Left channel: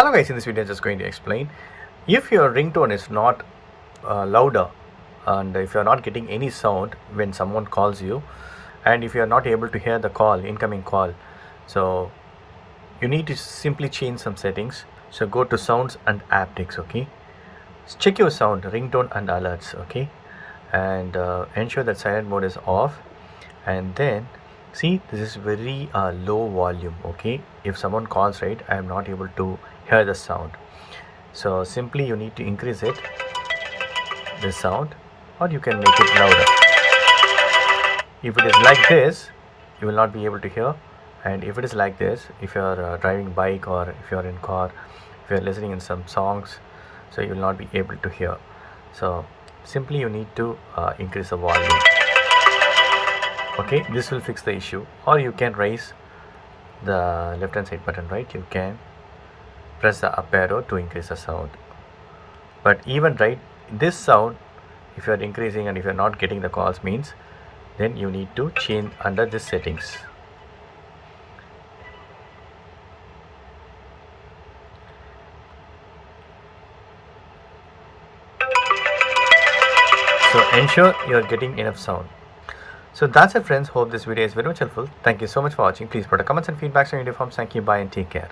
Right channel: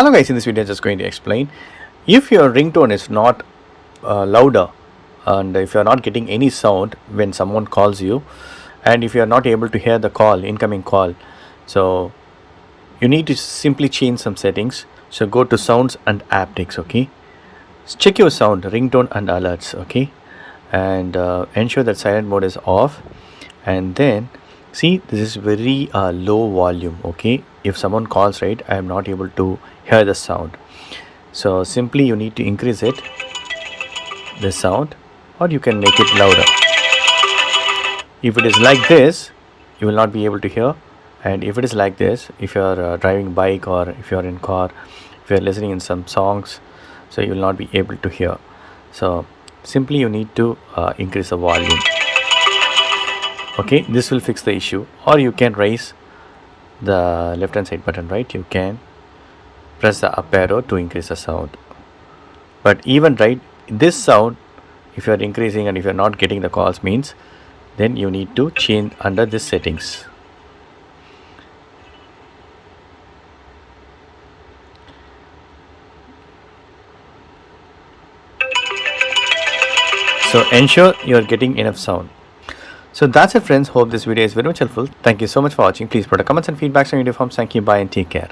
Hello guys, in this video I'm just going to explain if your ringtone is not louder and if you're not getting any sound when someone calls you, and if you're not able to hear the call, incoming call, so you need to simply change some settings. So go to sounds and haptics. Okay, check your sound, ringtone and alerts. Okay, and ensure that silent mode is off, and then see this is very low volume. Okay, if someone calls, right, I am not able to hear the sound. So simply you need to increase it, the sound, or you can make it louder. If it is like this, you will not be able to hear. And if it is like this, if you are driving bike or if you are in car, if you are listening in some songs, so you will not be able to hear. So simply you need to increase the volume. Okay, this will fix the issue. Or you can raise the left hand side button, right? You can press the up arrow to increase the sound. But even right, this sound, if you are increasing and if you are not getting the calls, means then you need to change under this settings. So ensure you are getting enough sound. So that's it friends, hope this video is very much helpful. Thank you so much for watching. Please put a comments and feedbacks on your video forms. Thank you, bye and take care.